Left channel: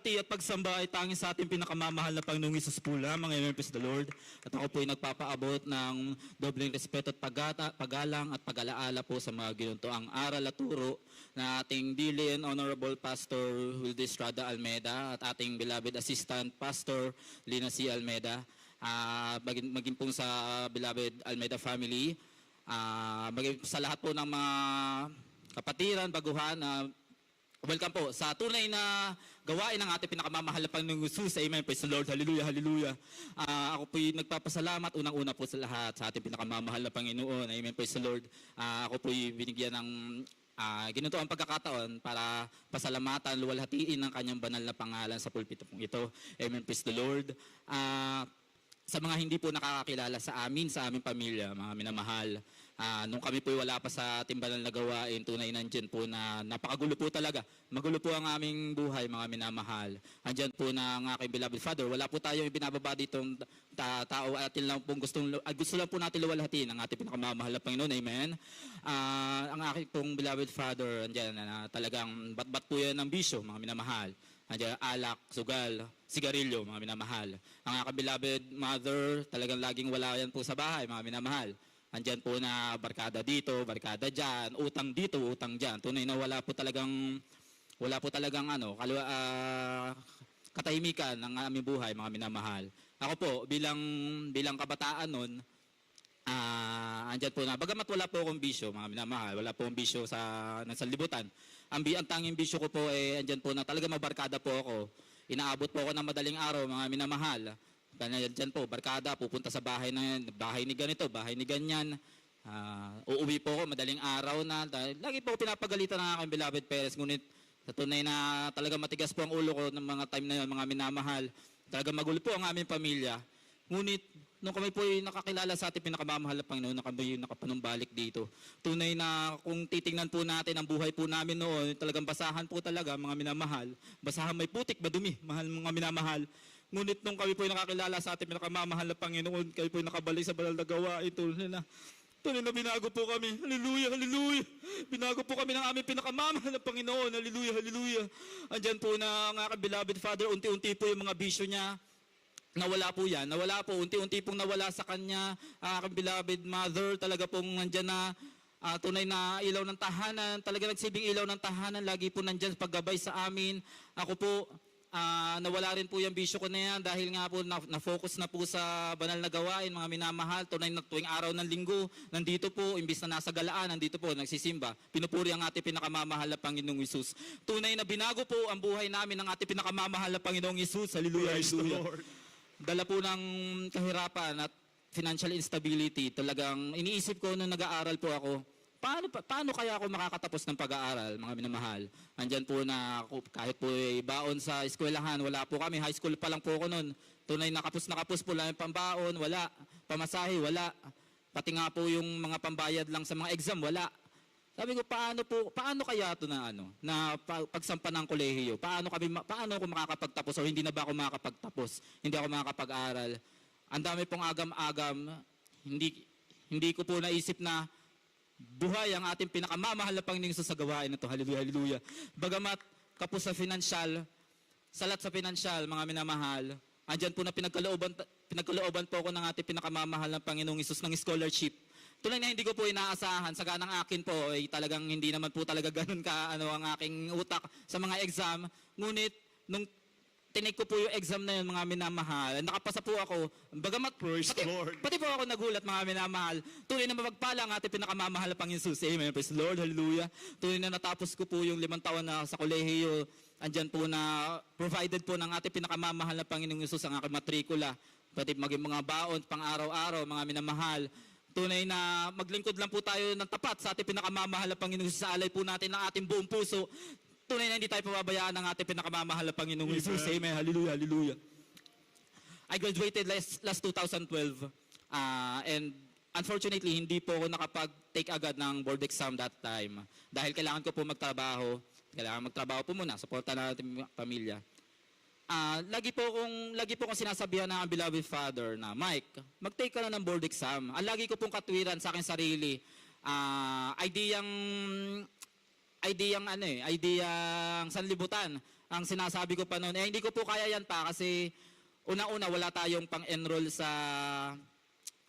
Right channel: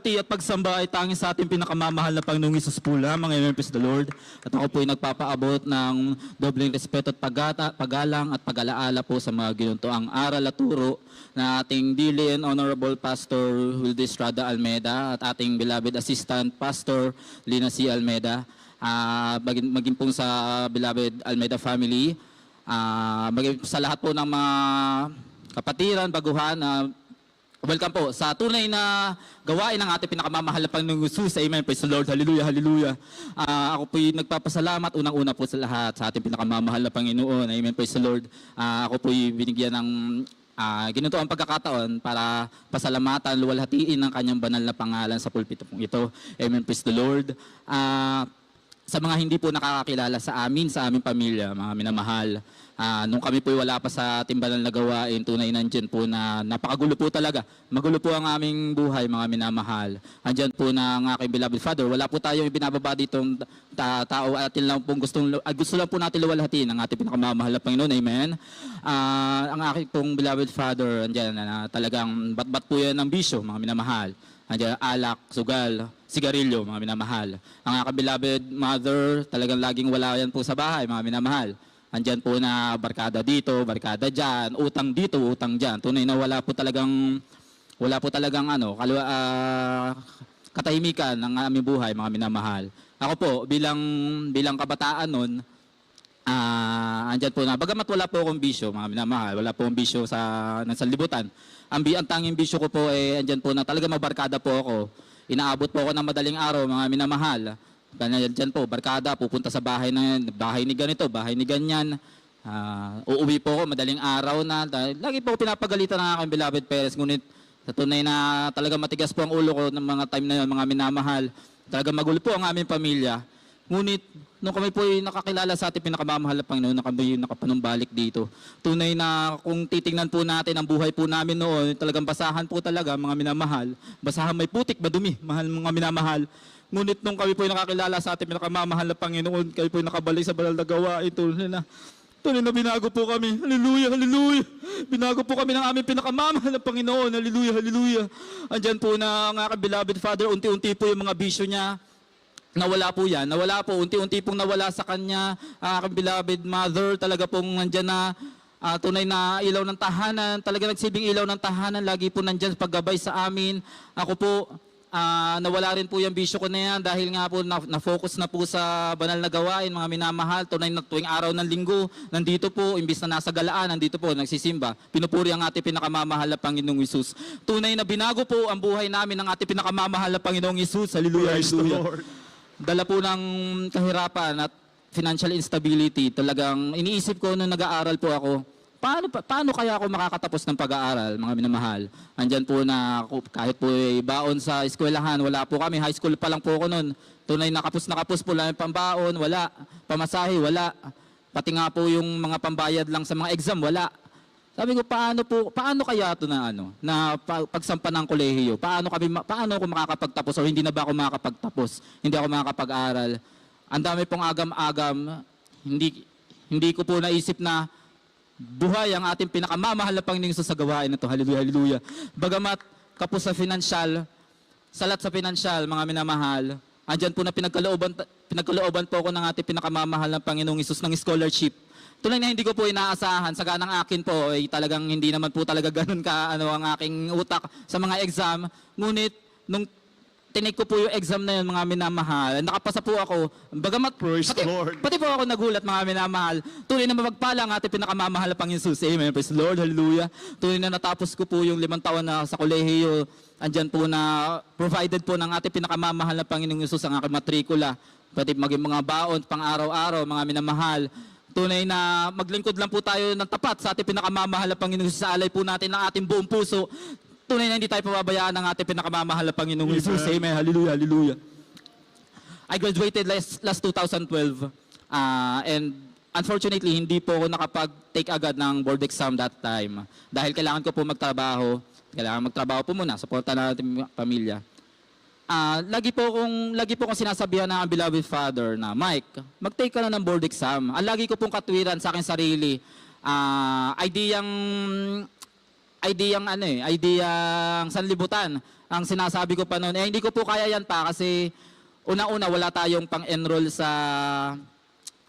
luwalhati at pagsamba ay tanging sa ating pinakamamahal na Panginoong Hesus po lamang. Amen, praise the Lord. At ako po ay nagpapaabot ng dobleng respeto at paggalang at pag-alaala po sa mga ginuntuang aral at turo na ating dearly and honorable Pastor Wilde Estrada Almeda at ating beloved Assistant Pastor Lina C. Almeda. Maging po sa beloved Almeda family. Maging sa lahat po ng mga kapatiran, baguhan, welcome po sa tunay na gawain ng ating pinakamamahal na Panginoong Hesus. Amen. Praise the Lord. Hallelujah. Hallelujah. Ako po'y nagpapasalamat unang-una po sa lahat sa ating pinakamamahal na Panginoon. Amen. Praise the Lord. Ako po'y binigyan ng ginito ang pagkakataon para pasalamatan, luwalhatiin ang kanyang banal na pangalan sa pulpito pong ito. Amen. Praise the Lord. Sa mga hindi po nakakakilala sa aming pamilya, mga minamahal, nung kami po wala pa sa ating banal na gawain, tunay nandyan po na napakagulo po talaga. Magulo po ang aming buhay, mga minamahal. Andyan po na ang aking beloved Father. Wala po tayong ibinababa ditong tao at lang pong gusto lang po natin luwalhatiin ang ating pinakamamahal na Panginoon. Amen. Ang aking pong beloved Father, andyan na talagang bat-bat po yan ng bisyo, mga minamahal. Andyan, alak, sugal, sigarilyo, mga minamahal. Ang aking beloved Mother, talagang laging wala yan po sa bahay, mga minamahal. Andyan po na barkada dito, barkada dyan, utang dito, utang dyan. Tunay na wala po talagang katahimikan ng aming buhay, mga minamahal. Ako po, bilang kabataan nun, andyan po na, bagamat wala po akong bisyo, mga minamahal, wala po akong bisyo sa libutan. Ang tanging bisyo ko po andyan po na talaga mabarkada po ako. Inaabot po ako ng madaling araw, mga minamahal. Diyan po, barkada, pupunta sa bahay ni ganito, bahay ni ganyan. Uuwi po ako, madaling araw na. Lagi po pinapagalitan ng aking beloved parents. Ngunit sa tunay na talaga matigas po ang ulo ko ng mga time na yun, mga minamahal. Talaga magulo po ang aming pamilya. Ngunit, nung kami po ay nakakilala sa ating pinakamamahal na Panginoon, na kami nakapanumbalik dito. Tunay na kung titingnan po natin ang buhay po namin noon, talagang basahan po talaga, mga minamahal. Basahan may putik, madumi, mahal mga minamahal. Ngunit nung kami po ay nakakilala sa ating pinakamamahal na Panginoon, kayo po ay nakabalik sa banal na gawain, tunay na binago po kami. Hallelujah, hallelujah. Binago po kami ng aming pinakamamahal na Panginoon. Hallelujah, hallelujah. Andyan po na ang aking beloved Father, unti-unti po yung mga bisyo niya. Nawala po yan. Nawala po. Unti-unti pong nawala sa kanya. Aking beloved Mother, talaga pong nandyan na tunay na ilaw ng tahanan. Talaga nagsibing ilaw ng tahanan. Lagi po nandyan paggabay sa amin. Ako po, nawala rin po yung bisyo ko na yan dahil nga po na-focus na po sa banal na gawain, mga minamahal. Tunay na tuwing araw ng linggo, nandito po, imbis na nasa galaan, nandito po, nagsisimba. Pinupuri ang ating pinakamamahal na Panginoong Hesus. Tunay na binago po ang buhay namin ng ating pinakamamahal na Panginoong Hesus. Hallelujah, hallelujah. Dala po ng kahirapan at financial instability. Talagang iniisip ko nung nag-aaral po ako, paano kaya ako makakatapos ng pag-aaral, mga minamahal? Andyan po na kahit po baon sa eskwelahan, wala po kami. High school pa lang po ako noon. Tunay na kapos po lang yung pambaon, wala. Pamasahe, wala. Pati nga po yung mga pambayad lang sa mga exam, wala. Sabi ko, paano kaya ito na pagsampa ng kolehiyo? Paano ako makakapagtapos o hindi na ba ako makakapagtapos? Hindi ako makakapag-aral. Ang dami pong agam-agam. Hindi ko po naisip na buhay ang ating pinakamamahal na Panginoong Hesus sa gawain na ito. Hallelujah, hallelujah. Bagamat kapos sa financial, salat sa financial, mga minamahal, andyan po na pinagkalooban po ako ng ating pinakamamahal na Panginoong Hesus ng scholarship. Tunay na hindi ko po inaasahan, sa ganang akin po, ay talagang hindi naman po talaga ganun ang aking utak sa mga exam. Ngunit, nung tinake ko po yung exam na yun, mga minamahal, nakapasa po ako. Bagamat, pati po ako nagulat, mga minamahal. Tunay na mapagpala ang ating pinakamamahal na Panginoong Hesus. Amen. Praise the Lord. Hallelujah. Tunay na natapos ko po yung 5 taon na sa kolehiyo. Andyan po na provided po ng ating pinakamamahal na Panginoong Hesus ang aking matrikula. Pati maging mga baon, pang araw-araw, mga minamahal. Tunay na maglingkod lang po tayo ng tapat sa ating pinakamamahal na Panginoong Hesus. Sa alay po natin ng ating buong puso. Tunay na hindi tayo pababayaan ng ating pinakamamahal na Panginoong Hesus. Amen. Hallelujah. Hallelujah. I graduated last 2012. And unfortunately, hindi po ako nakapag-take agad ng board exam that time. Dahil kailangan ko po magtrabaho. Kailangan magtrabaho po muna. Supportan natin pamilya. Lagi po kong sinasabihan ng beloved Father na, Mike, mag-take ka na ng board exam. Ang lagi ko pong katwiran sa akin sarili, ideyang ideyang ideyang sanlibutan. Ang sinasabi ko pa noon, hindi ko po kaya yan pa kasi una-una wala tayong pang-enroll sa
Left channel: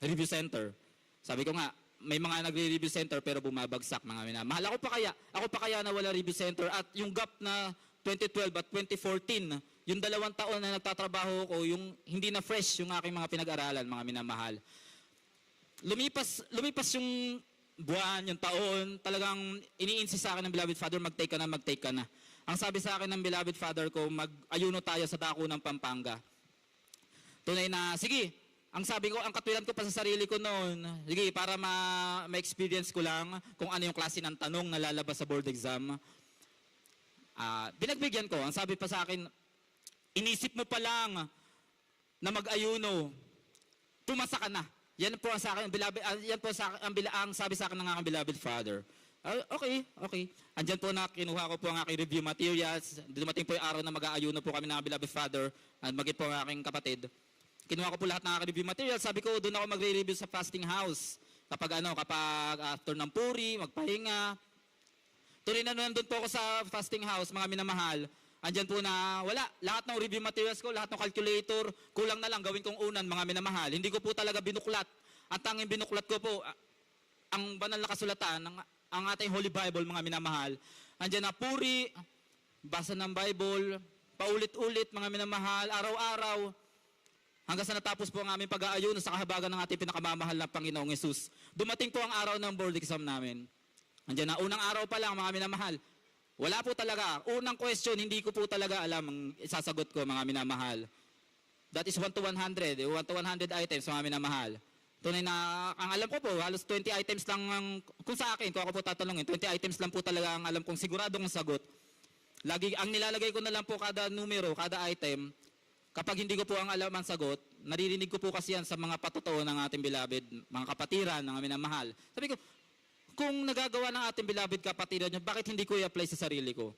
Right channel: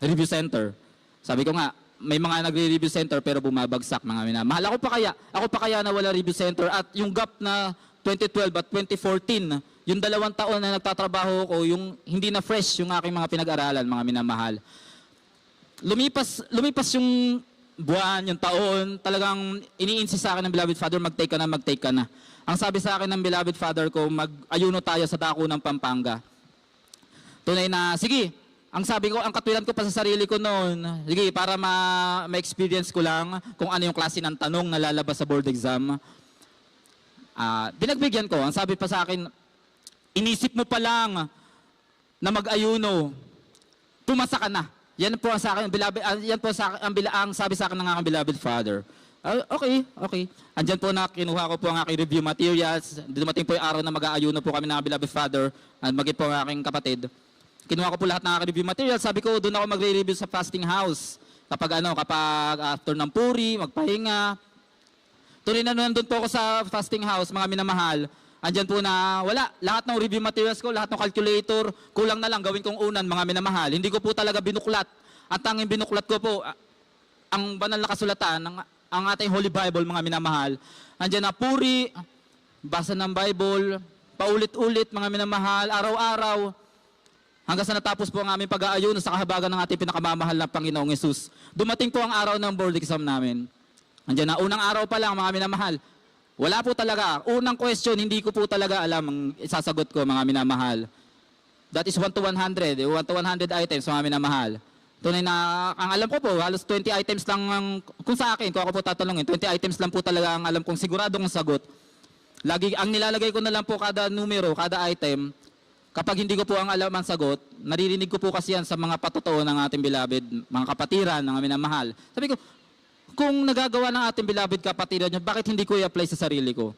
review center. Sabi ko nga, may mga nagre-review center pero bumabagsak mga minamahal. Ako pa kaya na wala review center at yung gap na 2012 at 2014, yung 2 taon na nagtatrabaho ko, yung hindi na fresh yung aking mga pinag-aralan mga minamahal. Lumipas yung buwan, yung taon, talagang iniinsist sa akin ng beloved father, mag-take ka na. Ang sabi sa akin ng beloved father ko, mag-ayuno tayo sa dako ng Pampanga. Tunay na, sige, ang sabi ko, ang katwiran ko pa sa sarili ko noon, sige, para ma-experience ko lang kung ano yung klase ng tanong na lalabas sa board exam. Binagbigyan ko, ang sabi pa sa akin, inisip mo pa lang na mag-ayuno, pumasa ka na. Yan po sa akin, ang sabi sa akin ng aking beloved father. Okay. Andyan po na kinuha ko po ang aking review materials. Dumating po yung araw na mag-aayuno po kami ng aking beloved father at maging po ang aking kapatid. Kinuha ko po lahat ng aking review materials. Sabi ko, doon ako magre-review sa fasting house. Kapag after ng puri, magpahinga. Tuloy na nandun po ako sa fasting house, mga minamahal. Andyan po na wala. Lahat ng review materials ko, lahat ng calculator, kulang na lang gawin kong unan, mga minamahal. Hindi ko po talaga binuklat. Ang tanging binuklat ko po, ang banal na kasulatan, ang ating Holy Bible, mga minamahal. Andyan na puri, basa ng Bible, paulit-ulit, mga minamahal, araw-araw. Hanggang sa natapos po ang aming pag-aayuno sa kahabagan ng ating pinakamamahal na Panginoong Yesus. Dumating po ang araw ng board exam namin. Andiyan na, unang araw pa lang, mga minamahal. Wala po talaga. Unang question, hindi ko po talaga alam ang isasagot ko, mga minamahal. That is 1 to 100. 1 to 100 items, mga minamahal. Tunay na, ang alam ko po, halos 20 items lang, kung sa akin, kung ako po tatanungin, 20 items lang po talaga ang alam kong siguradong sagot. Lagi, ang nilalagay ko na lang po kada numero, kada item, kapag hindi ko po ang alam ang sagot, naririnig ko po kasi yan sa mga patotoo ng ating beloved, mga kapatiran, ng minamahal. Sabi ko, kung nagagawa ng ating beloved kapatiran nyo, bakit hindi ko i-apply sa sarili ko?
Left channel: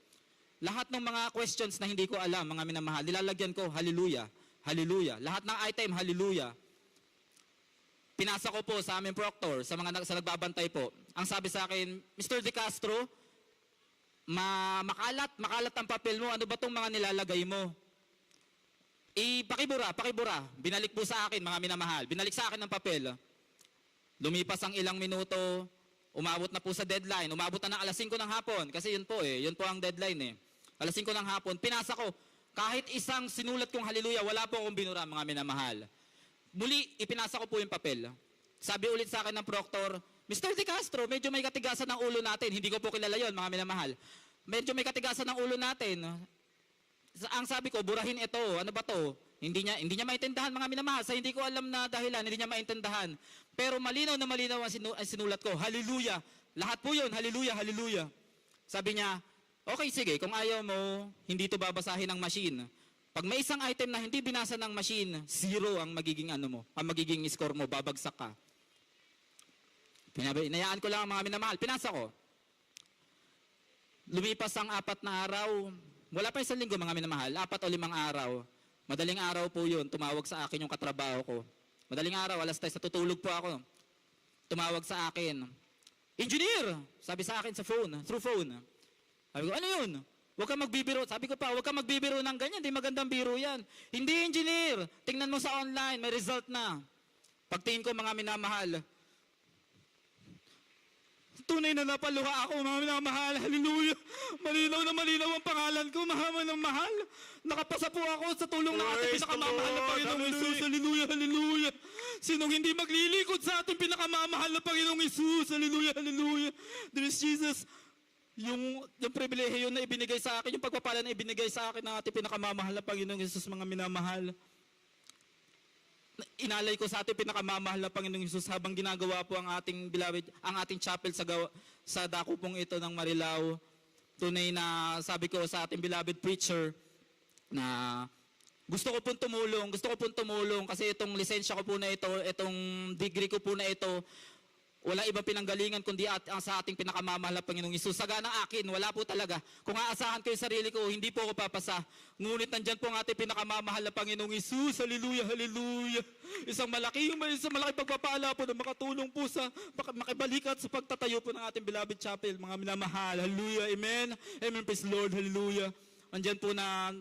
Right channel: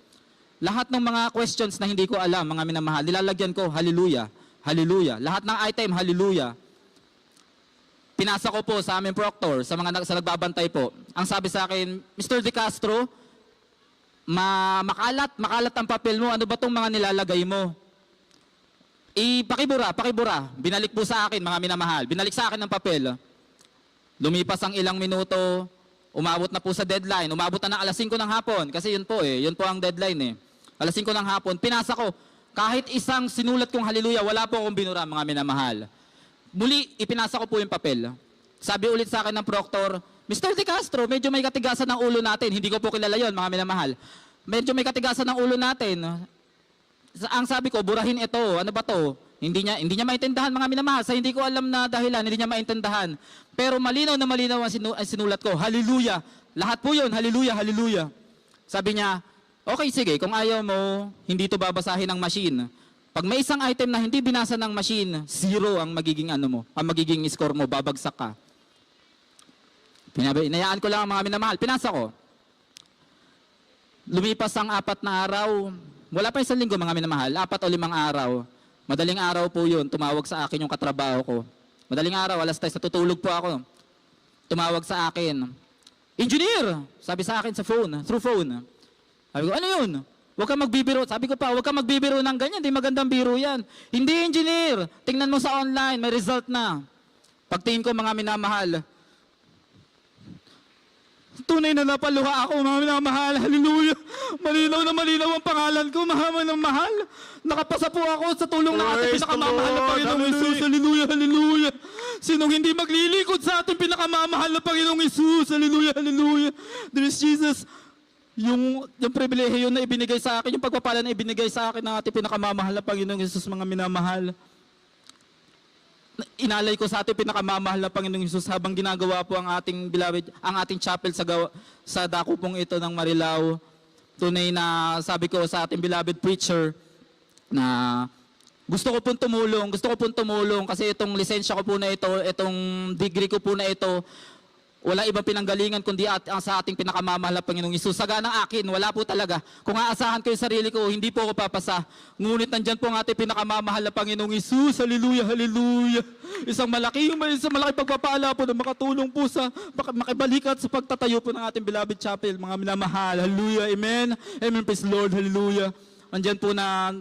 Lahat ng mga questions na hindi ko alam, mga minamahal, nilalagyan ko, hallelujah, hallelujah. Lahat ng item, hallelujah. Pinasa ko po sa aming proctor, sa nagbabantay po. Ang sabi sa akin, Mr. De Castro, makalat ang papel mo, ano ba itong mga nilalagay mo? Pakibura. Binalik po sa akin, mga minamahal. Binalik sa akin ng papel. Lumipas ang ilang minuto, umabot na po sa deadline. Umabot na ng alas 5 ng hapon. Kasi yun po ang deadline Alas 5 ng hapon. Pinasa ko. Kahit isang sinulat kong hallelujah, wala po akong binura, mga minamahal. Muli, ipinasa ko po yung papel. Sabi ulit sa akin ng proctor, Mr. De Castro, medyo may katigasan ng ulo natin. Hindi ko po kilala yon, mga minamahal. Medyo may katigasan ng ulo natin. Ang sabi ko, burahin ito. Ano ba to? Hindi niya maintindihan, mga minamahal. Sa hindi ko alam na dahilan, hindi niya maintindihan. Pero malinaw na malinaw ang sinulat ko. Hallelujah. Lahat po yun. Hallelujah, hallelujah. Sabi niya, okay, sige. Kung ayaw mo, hindi to babasahin ng machine. Pag may isang item na hindi binasa ng machine, 0 ang magiging ang magiging score mo, babagsak ka. Inayaan ko lang ang mga minamahal. Pinasa ko. Lumipas ang 4 na araw. Wala pa 1 linggo, mga minamahal. 4 o 5 araw. Madaling araw po yun. Tumawag sa akin yung katrabaho ko. Madaling araw, alas 3, natutulog po ako. Tumawag sa akin. Engineer! Sabi sa akin sa phone, through phone. Sabi ko, ano yun? Huwag kang magbibiro. Sabi ko pa, huwag kang magbibiro ng ganyan. Hindi magandang biro yan. Hindi, engineer. Tingnan mo sa online, may result na. Pagtingin ko, mga minamahal, tunay na napaluha ako, mga minamahal. Hallelujah. Malinaw na malinaw ang pangalan ko, mga mahal. Nakapasa po ako sa tulong ng ating pinakamamahal na Panginoong Isus. Hallelujah, hallelujah. Sinong hindi maglilikod sa ating pinakamamahal na Panginoong Isus. Hallelujah, hallelujah. There is Jesus. Yung pribilehiyo na ibinigay sa akin, yung pagpapala na ibinigay sa akin ng ating pinakamamahal na Panginoong Isus, mga minamahal. Inalay ko sa ating pinakamamahal na Panginoong Isus habang ginagawa po ang ating beloved, ang ating chapel sa dako pong ito ng Marilao. Tunay na sabi ko sa ating beloved preacher na gusto ko pong tumulong kasi itong lisensya ko po na ito, itong degree ko po na ito, wala ibang pinanggalingan kundi ang sa ating pinakamamahal na Panginoong Hesus. Saganang akin, wala po talaga. Kung aasahan ko yung sarili ko, hindi po ako papasa. Ngunit nandyan po ang ating pinakamamahal na Panginoong Hesus. Hallelujah, hallelujah. Isang malaki pagpapala po na makatulong po sa makibalikat sa pagtatayo po ng ating beloved chapel, mga minamahal. Hallelujah, amen. Amen, praise Lord, hallelujah. Nandyan po na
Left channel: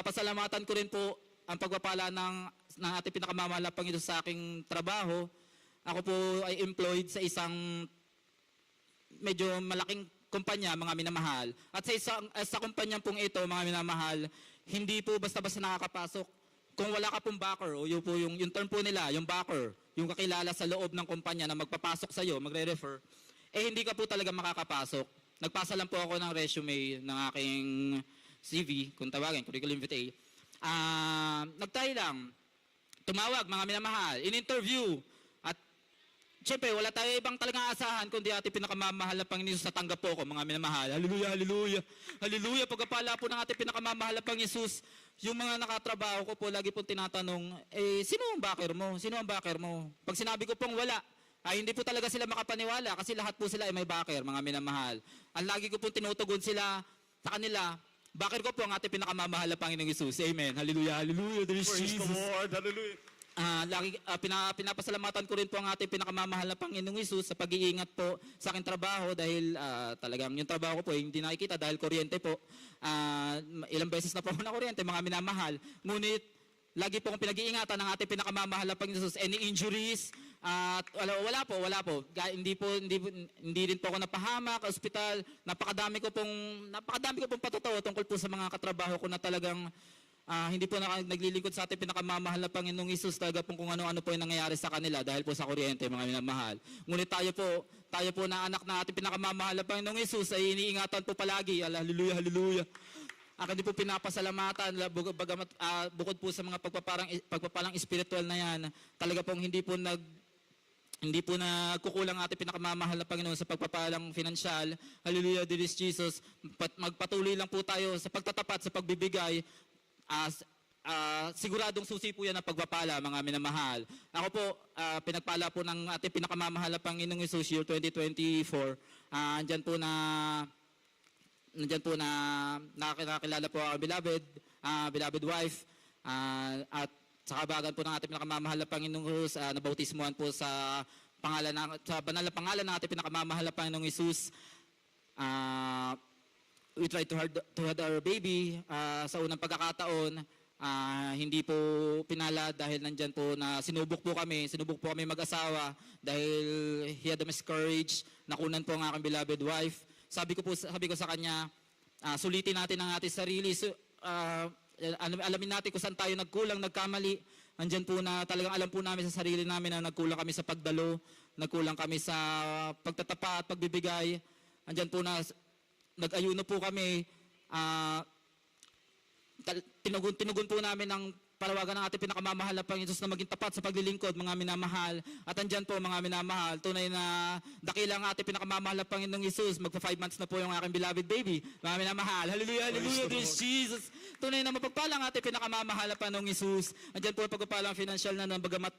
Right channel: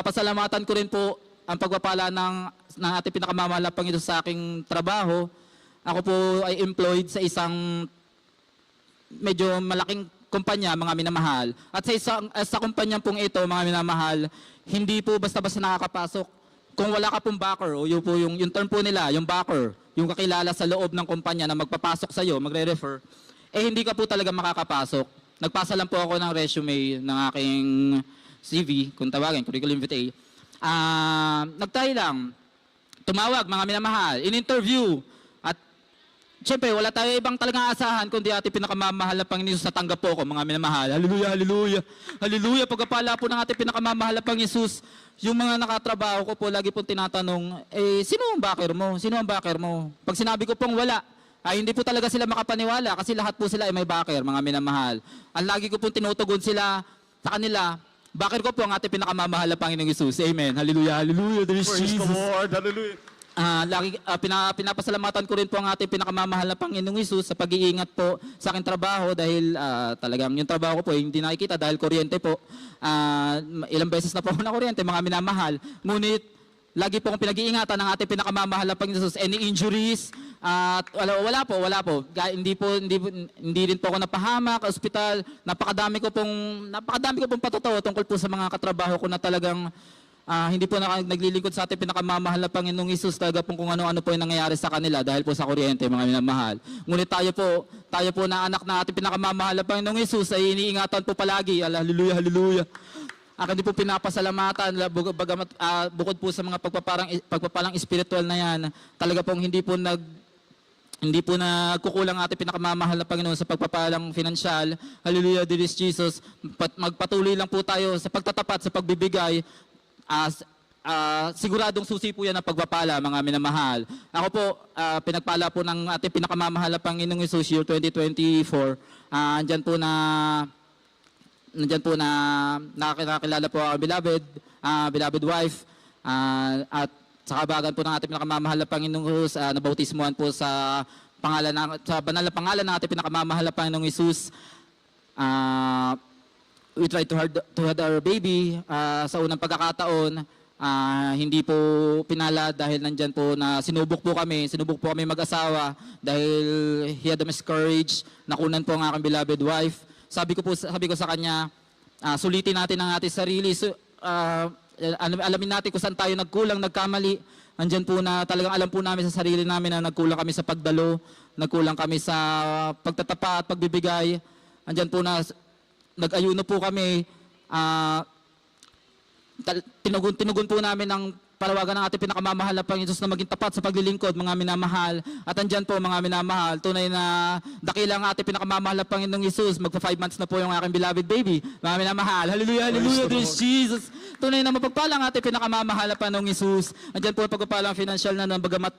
pasalamatan ko rin po ang pagpapala ng ating pinakamamahal na Panginoon sa aking trabaho. Ako po ay employed sa isang medyo malaking kumpanya, mga minamahal. At sa kumpanya pong ito, mga minamahal, hindi po basta-basta nakakapasok. Kung wala ka pong backer, o yun po yung term po nila, yung backer, yung kakilala sa loob ng kumpanya na magpapasok sa'yo, magre-refer, eh hindi ka po talaga makakapasok. Nagpasa lang po ako ng resume ng aking CV, kung tawagin, curriculum vitae. Nagtry lang, tumawag, mga minamahal, in-interview, at siyempre, wala tayo ibang talagang aasahan kundi ating pinakamamahal na Panginoon sa tanggap po ko, mga minamahal. Hallelujah, hallelujah. Hallelujah, pagkapala po ng ating pinakamamahal na Panginoon, yung mga nakatrabaho ko po, lagi pong tinatanong, sino ang backer mo? Sino ang backer mo? Pag sinabi ko pong wala, hindi po talaga sila makapaniwala kasi lahat po sila ay may backer, mga minamahal. Ang lagi ko pong tinutugon sila sa kanila, backer ko po ang ating pinakamamahal na Panginoong Hesus. Amen. Hallelujah, hallelujah. There is Praise the Jesus. Lord. Hallelujah. Pinapasalamatan ko rin po ang ating pinakamamahal na Panginoong Hesus sa pag-iingat po sa aking trabaho dahil talagang yung trabaho ko po hindi nakikita dahil kuryente po. Ilang beses na po ako na kuryente, mga minamahal. Ngunit lagi po akong pinag-iingatan ng ating pinakamamahal na Panginoong Hesus. Any injuries? Wala po. Hindi rin po ako napahamak, ospital. Napakadami ko pong patotoo tungkol po sa mga katrabaho ko na talagang hindi po naglilingkod sa ating pinakamamahal na Panginoong Hesus talaga po kung ano-ano po yung nangyayari sa kanila dahil po sa kuryente, mga minamahal. Ngunit tayo po na anak na ating pinakamamahal na Panginoong Hesus ay iniingatan po palagi. Hallelujah, hallelujah. Akin din po pinapasalamatan bukod po sa mga pagpapalang espiritual na yan, talaga pong hindi po nagkukulang ating pinakamamahal na Panginoon sa pagpapalang finansyal. Hallelujah, dear Jesus. Magpatuloy lang po tayo sa pagtatapat, sa pagbibigay. Siguradong susi po yan ang pagpapala, mga minamahal. Ako po, pinagpala po ng ating pinakamamahal na Panginoong Hesus year 2024. Andyan po na nakakilala po ang beloved wife, at sa kabagan po ng ating pinakamamahal na Panginoong Hesus, nabautismuhan po sa banal na pangalan ng ating pinakamamahal na Panginoong Hesus. We try to have our baby sa unang pagkakataon. Hindi po pinala dahil nandyan po na sinubok po kami mag-asawa dahil he had a miscarriage. Nakunan po ang aking beloved wife. Sabi ko sa kanya, sulitin natin ang ating sarili. Alamin natin kung saan tayo nagkulang, nagkamali. Andyan po na talagang alam po namin sa sarili namin na nagkulang kami sa pagdalo, nagkulang kami sa pagtatapat, pagbibigay. Andyan po na nag-ayuno po kami, tinugon po namin ang panawagan ng ating pinakamamahal na Panginoon na maging tapat sa paglilingkod, mga minamahal. At andyan po, mga minamahal, tunay na dakila ang ating pinakamamahal na Panginoong Hesus. Magpa 5 months na po yung aking beloved baby, mga minamahal. Hallelujah, hallelujah, praise Jesus. Tunay na mapagpala ang ating pinakamamahal na Panginoong Hesus. Andyan po pagpapala ang financial na bagamat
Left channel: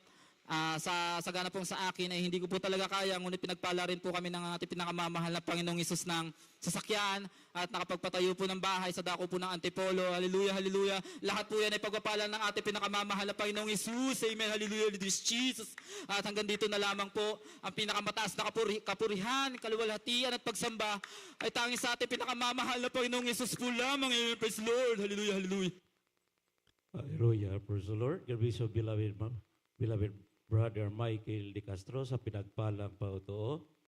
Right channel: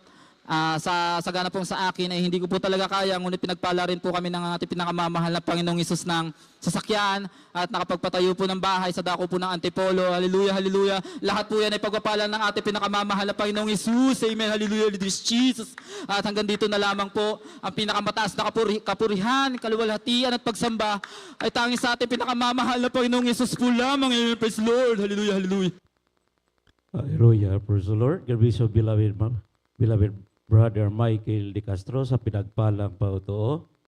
sa sagana pong sa akin ay hindi ko po talaga kaya, ngunit pinagpala rin po kami ng ating pinakamamahal na Panginoong Hesus ng sasakyan at nakapagpatayo po ng bahay sa dako po ng Antipolo. Hallelujah, hallelujah. Lahat po yan ay pagpapala ng ating pinakamamahal na Panginoong Hesus. Amen, hallelujah, hallelujah, Jesus. At hanggang dito na lamang po ang pinakamataas na kapurihan, kaluwalhatian at pagsamba ay tanging sa ating pinakamamahal na Panginoong Hesus po lamang. Amen, praise the Lord. Hallelujah, hallelujah. Hallelujah, praise the Lord. God bless you, beloved Brother Michael De Castro sa pinagpalang pautoo.